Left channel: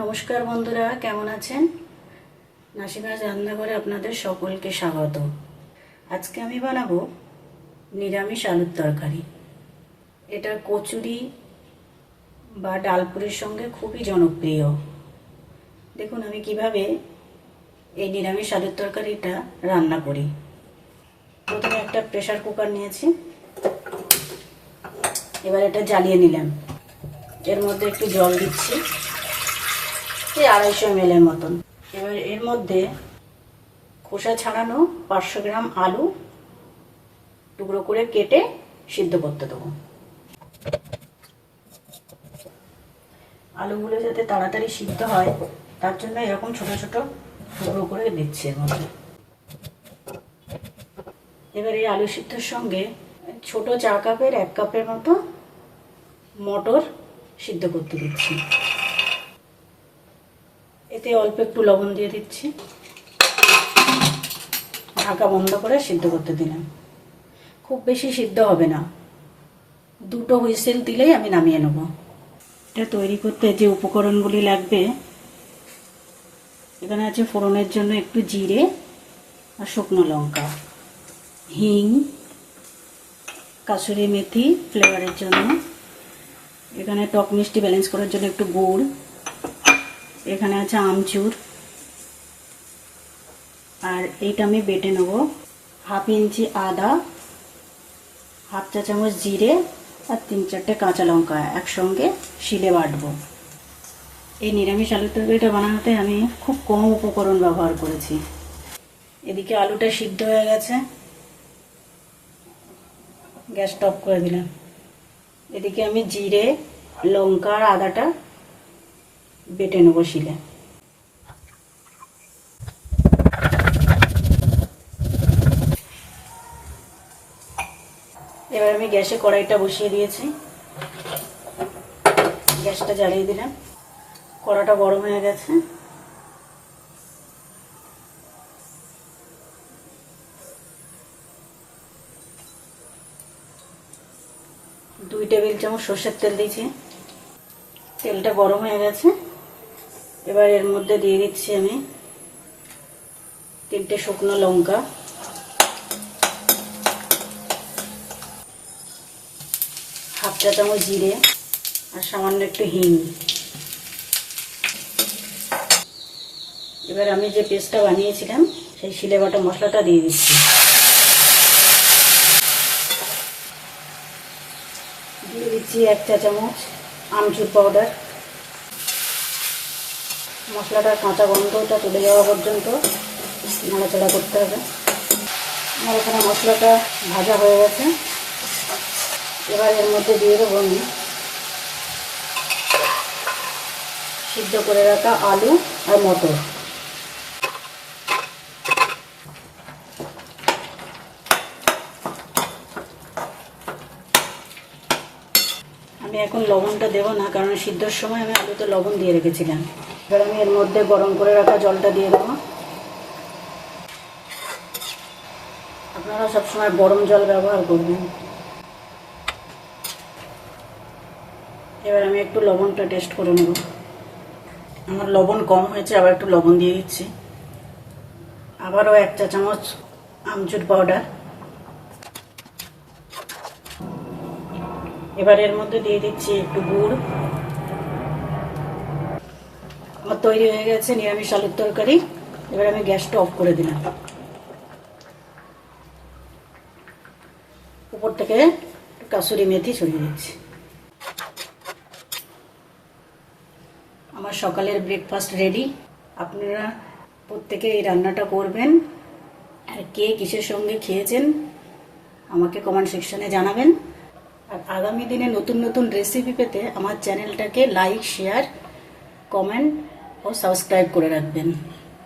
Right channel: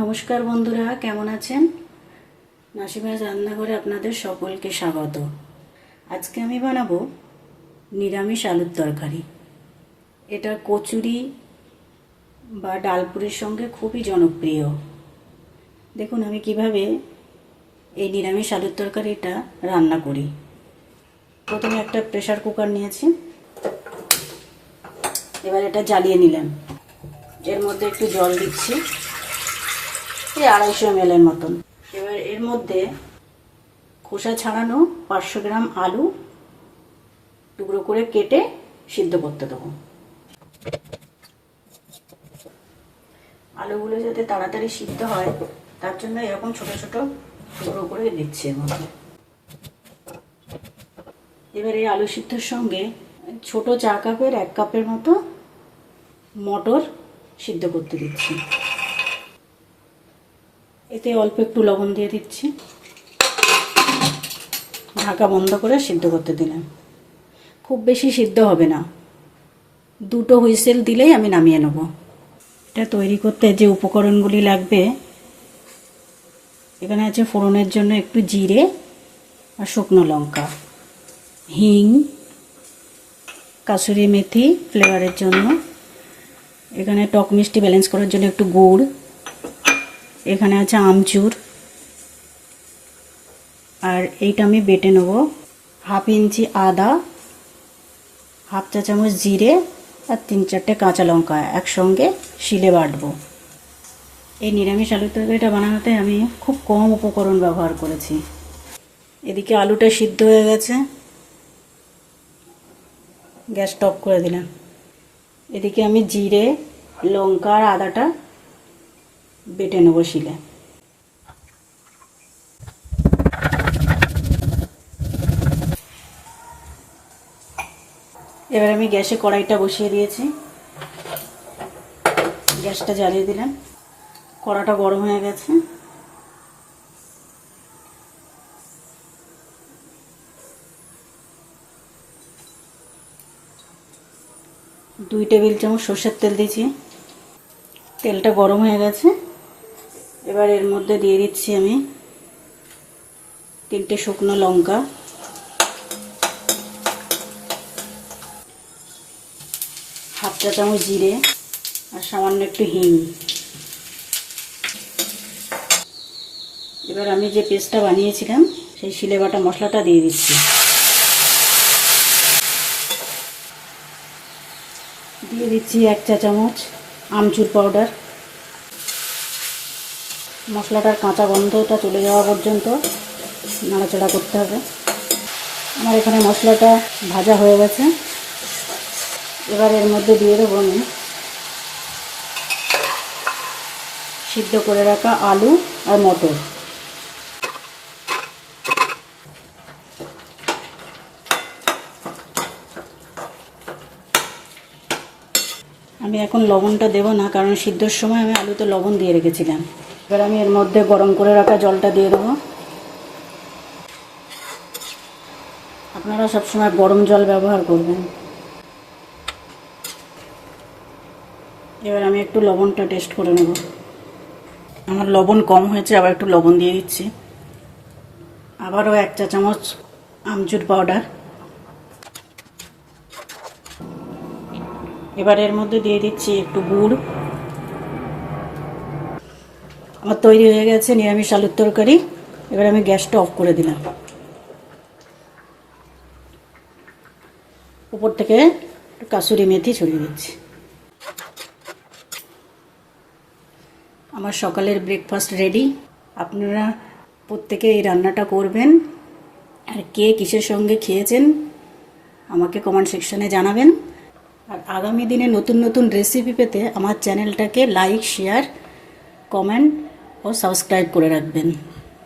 নমস্কার বন্ধুরা, কেমন আছেন? নাসিমাজ রান্নাঘরে আপনাদের সকলকে স্বাগত। আজকে আমি বানাবো নিরামিষ আলুর তরকারি। এটা কচুরি বা ডালপুরির সঙ্গে খুবই জনপ্রিয়। দেখুন আমি কিভাবে এই নিরামিষ আলুর তরকারিটা রান্না করি। প্রথমে একটা প্রেসার কুকার নিয়েছি, এবার এটা জ্বালিয়ে নিলাম। এর মধ্যে একটু জল দিচ্ছি, এই 250 ml এর মতন। এবার এর মধ্যে খোসা ছাড়ানো 500 গ্রাম আলু টুকরো করে কেটে সিদ্ধ করতে দেবো। আলুগুলো যাতে তাড়াতাড়ি সিদ্ধ হয় তার জন্য এরকম ছোট ছোট টুকরো করে দিচ্ছি এর মধ্যে। এবার এই আলু সিদ্ধর সঙ্গে ছোট চা কাপের 1 কাপের মতো মটর সিদ্ধ করতে দিচ্ছি। এতে অল্প একটু লবণ দিয়ে দিচ্ছি, ঢাকা বন্ধ করে সিদ্ধ করতে দিলাম। খুব বেশি সিদ্ধ হবে না, 2টো হুইসেল দিলেই আমি নামিয়ে নেব। এটা তৈরি করতে যে উপকরণগুলি লাগবে, এখানে আছে ফোড়নের জন্য একটু জিরে আর শুকনো লঙ্কা, হিং, কাসুরি মেথি ফ্লেভারের জন্য, এখানে টক মিষ্টি ব্যালেন্স করার জন্য একটু গুড়, এখানে আছে আমচুর, আর এইটা আমি বেটে নেব। 1/2 ইঞ্চি আদা, 1/2 চা চামচ জিরে আর 3-4টে কাঁচা লঙ্কা একসঙ্গে শিলে বাটবো। এই নিরামিষ আলুর তরকারিটা বানানোতে আমি খুব কম উপকরণ ব্যবহার করেছি। এদিকে আলুটা সিদ্ধ হয়ে গেছে, গ্যাস অফ করে দিলাম। এদিকে আমি জিরে, লঙ্কা আর আদাটা বেটে নেবো শিলে। এবার আমি গ্যাসে কড়াইটা বসিয়ে দিয়েছি, গ্যাসটা জ্বালিয়ে দিলাম। কড়াটা গরম হয়ে গেছে, দুই টেবিল চামচ সর্ষের তেল দিয়েছি। তেলটা গরম হয়ে গেছে, এবার এর মধ্যে দিয়ে দিচ্ছি আমি 3টে শুকনো লঙ্কা, 1/2 চা চামচ জিরে আর সামান্য একটু হিং। এবার আমি যে পেস্টটা বানিয়েছিলাম সেই শিলে বাটা মশলাটা দিয়ে দিচ্ছি। দিয়ে দিচ্ছি 1 চা চামচ আমচুর পাউডার। মশলাটার কাঁচা গন্ধটা চলে যাওয়া পর্যন্ত নাড়াচাড়া করতে হবে। আমার এখানে মশলাটা ভাজা হয়ে গেছে, এবার এর মধ্যে দিয়ে দেবো আমি সিদ্ধ করে রাখা আলু আর মটর। আমি এখন লবণটা দেবো না, কারণ সিদ্ধর সময় আমি আলুতে লবণ দিয়ে রেখেছিলাম। এবার আমি এর মধ্যে গরম করে রাখা জলটা দিয়ে দেবো। আপনারা সবসময় গরম জল ব্যবহার করবেন। এবার আমি একটু লবণটা টেস্ট করে নেব। আমার লবণ কম হয়েছে, আবার একটু লবণ দিয়ে দিচ্ছি। আবারও 1 চা চামচ আমচুর পাউডার। এবার এর মধ্যে দিয়ে দিচ্ছি একটু গুড়। আমার তৈরি হয়ে গেছে নিরামিষ আলুর তরকারি। এবার আমি গ্যাসটা অফ করে দিলাম। উপর থেকে একটু কাসুরি মেথি ছড়িয়ে দিচ্ছি। আমার সকালের ব্রেকফাস্ট রেডি। আপনারা প্রত্যেকে এই রান্নাটা করবেন, আর কে কিসের সঙ্গে খেয়েছেন আমাকে কমেন্ট সেকশনে জানাবেন। আর আগামী দিনে নতুন নতুন রেসিপি পেতে আমার চ্যানেলটাকে লাইক, শেয়ার, কমেন্ট ও সাবস্ক্রাইব করে রাখবেন।